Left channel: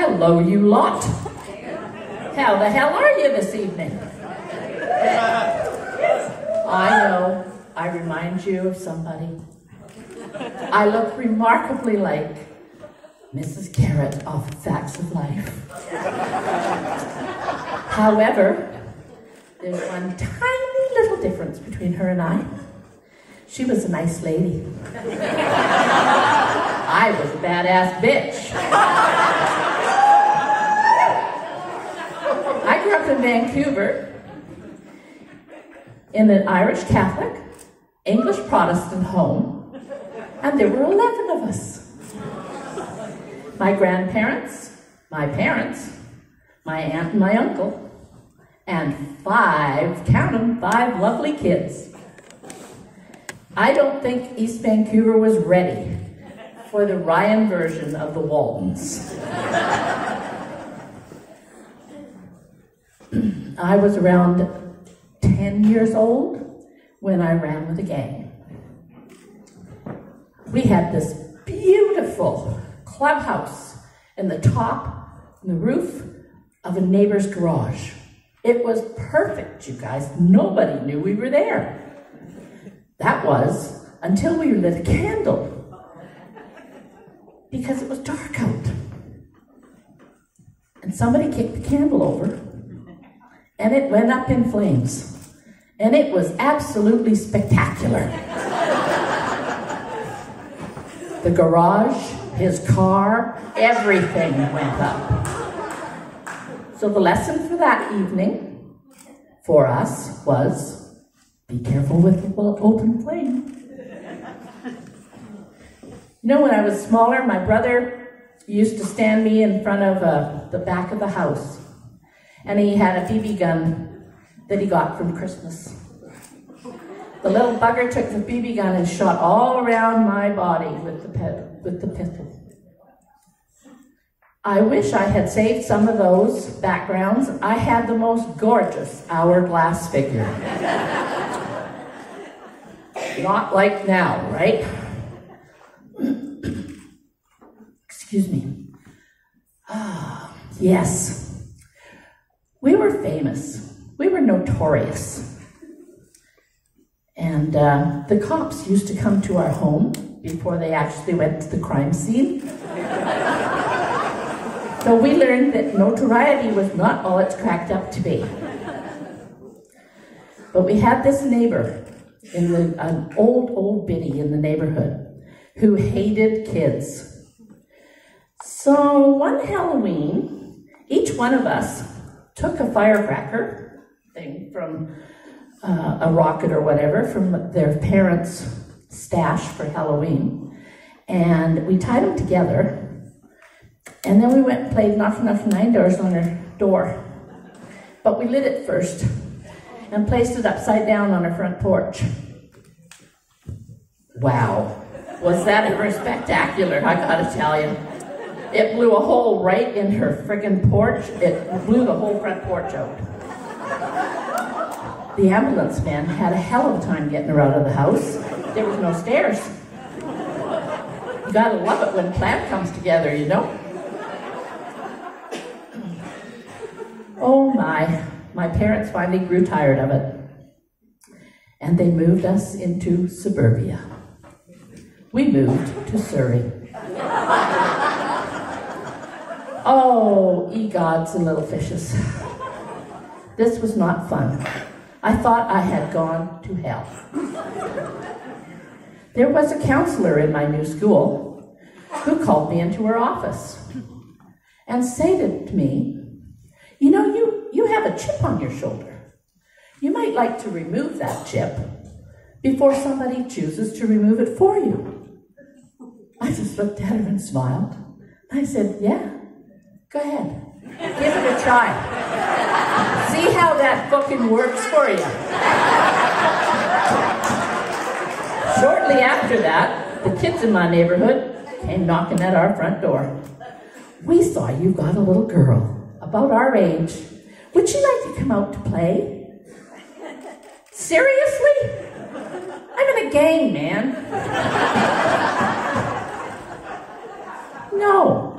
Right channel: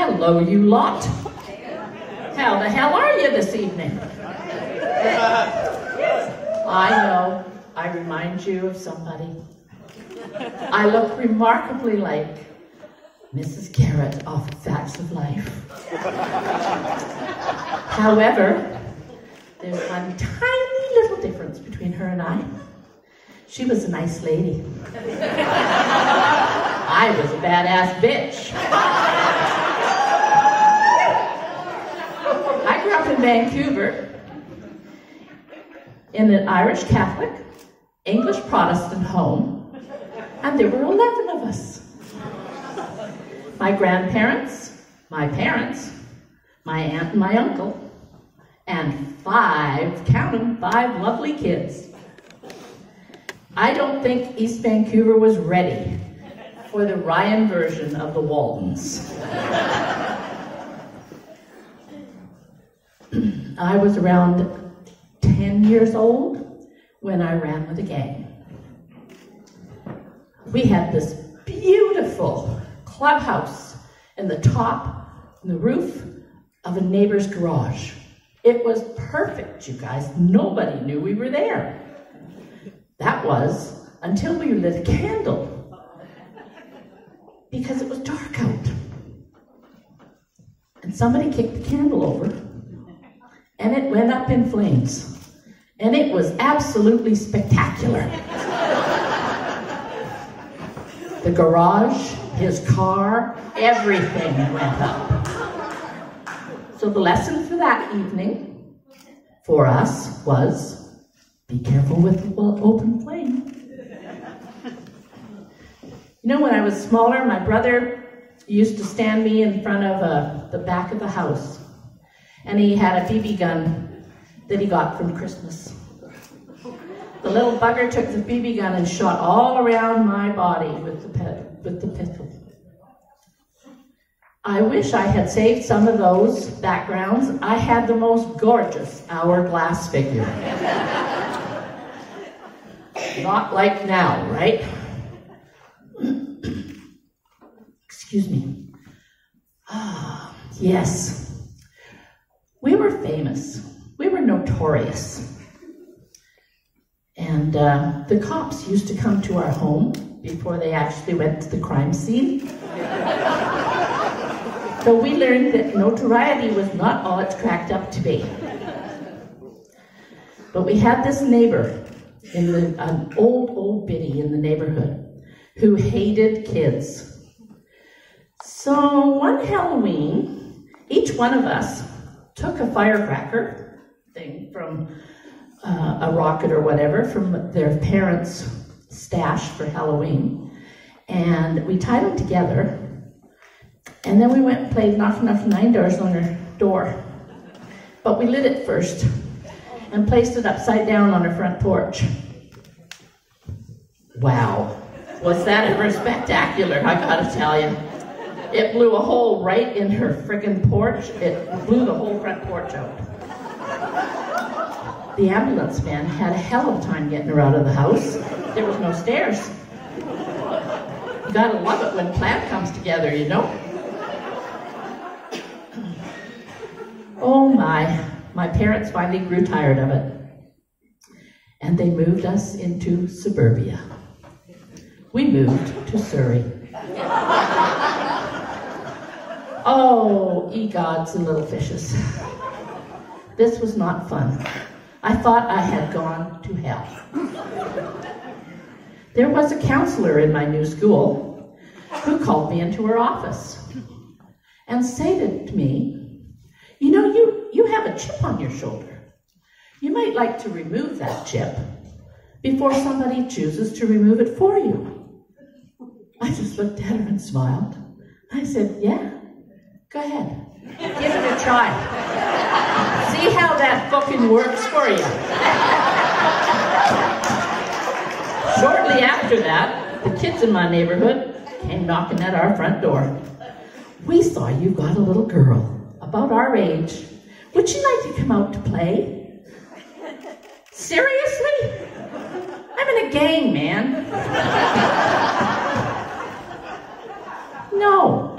Hello, you lot. How the hell are you this evening? I know, I remind you of somebody. I look remarkably like Mrs. Garrett off Facts of Life. However, there's one tiny little difference between her and I. She was a nice lady. I was a badass bitch. I grew up in Vancouver in an Irish Catholic, English Protestant home, and there were 11 of us. My grandparents, my parents, my aunt and my uncle, and 5, count them, 5 lovely kids. I don't think East Vancouver was ready for the Ryan version of the Waltons. I was around 10 years old when I ran with a gang. We had this beautiful clubhouse in the top, in the roof of a neighbor's garage. It was perfect, you guys. Nobody knew we were there. That was until we lit a candle, because it was dark out. And somebody kicked the candle over, and it went up in flames. And it was absolutely spectacular. The garage, his car, everything went up. So the lesson for that evening for us was, be careful with the open flame. You know, when I was smaller, my brother used to stand me in front of the back of the house. And he had a BB gun that he got from Christmas. The little bugger took the BB gun and shot all around my body with the pistol. I wish I had saved some of those backgrounds. I had the most gorgeous hourglass figure. Not like now, right? Excuse me. Ah, yes. We were famous. We were notorious. And the cops used to come to our home before they actually went to the crime scene. So we learned that notoriety was not all it's cracked up to be. But we had this neighbor, an old biddy in the neighborhood, who hated kids. So one Halloween, each one of us took a firecracker thing from a rocket or whatever from their parents' stash for Halloween, and we tied them together, and then we went and played knock 9 doors on her door. But we lit it first and placed it upside down on her front porch. Wow, was that ever spectacular, I gotta tell you. It blew a hole right in her friggin' porch. It blew the whole front porch out. The ambulance man had a hell of a time getting her out of the house. There was no stairs. You gotta love it when a plan comes together, you know? Oh my parents finally grew tired of it. And they moved us into suburbia. We moved to Surrey. Oh, ye gods and little fishes. This was not fun. I thought I had gone to hell. There was a counselor in my new school who called me into her office and stated to me, you know, you have a chip on your shoulder. You might like to remove that chip before somebody chooses to remove it for you. I just looked at her and smiled. I said, yeah, go ahead. Give it a try. See how that fucking works for you. Shortly after that, the kids in my neighborhood came knocking at our front door. We saw you got a little girl about our age. Would you like to come out to play? Seriously? I'm in a gang, man. No.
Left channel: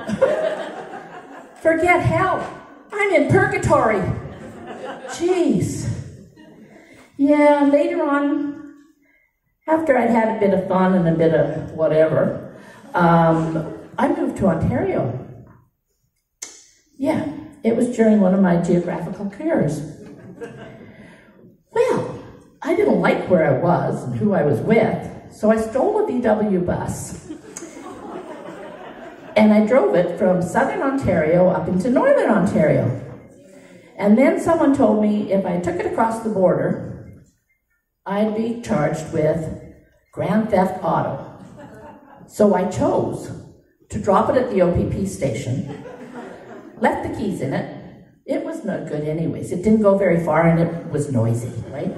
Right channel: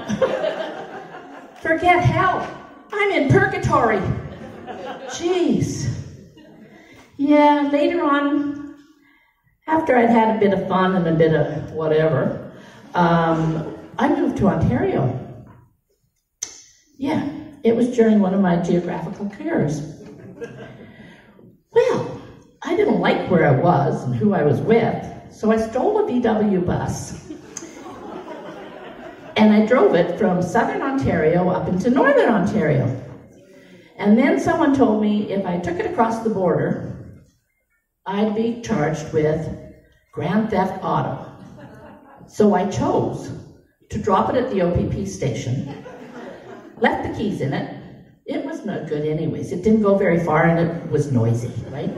Forget hell. I'm in purgatory. Jeez. Yeah, later on, after I'd had a bit of fun and a bit of whatever, I moved to Ontario. Yeah, it was during one of my geographical careers. Well, I didn't like where I was and who I was with, so I stole a VW bus and I drove it from southern Ontario up into northern Ontario. And then someone told me if I took it across the border, I'd be charged with grand theft auto. So I chose to drop it at the OPP station, left the keys in it. It was no good anyways. It didn't go very far and it was noisy, right?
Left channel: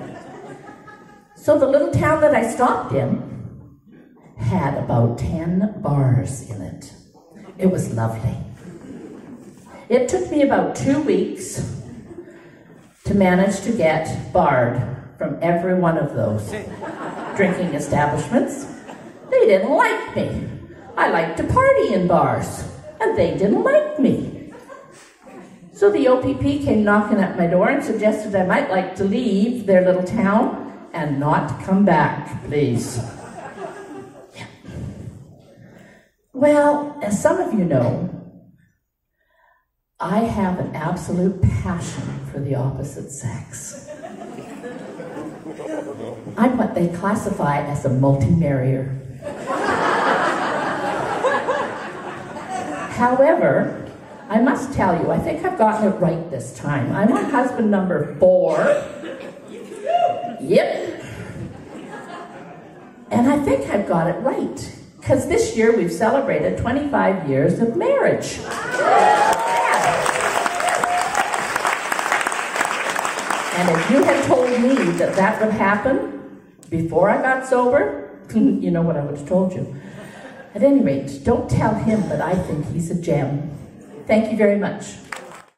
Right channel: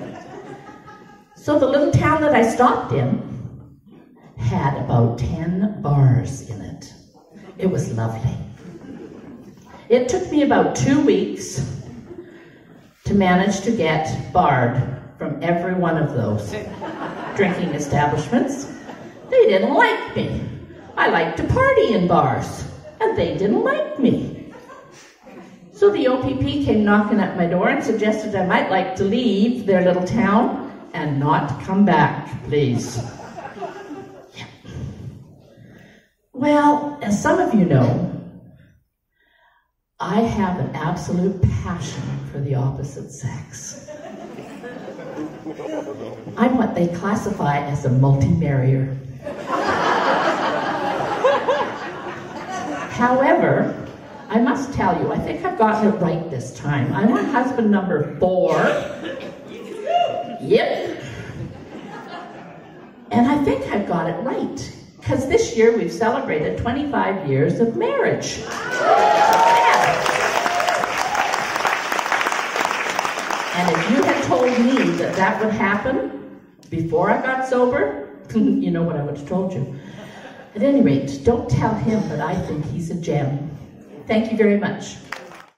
So the little town that I stopped in had about 10 bars in it. It was lovely. It took me about 2 weeks to manage to get barred from every one of those drinking establishments. They didn't like me. I liked to party in bars, and they didn't like me. So the OPP came knocking at my door and suggested I might like to leave their little town and not come back, please. Yeah. Well, as some of you know, I have an absolute passion for the opposite sex. I'm what they classify as a multi-marrier. However, I must tell you, I think I've gotten it right this time. I'm on husband number 4. Yep. And I think I've got it right, because this year we've celebrated 25 years of marriage. And if you had told me that that would happen before I got sober, you know what I would have told you. At any rate, don't tell him that I think he's a gem. Thank you very much.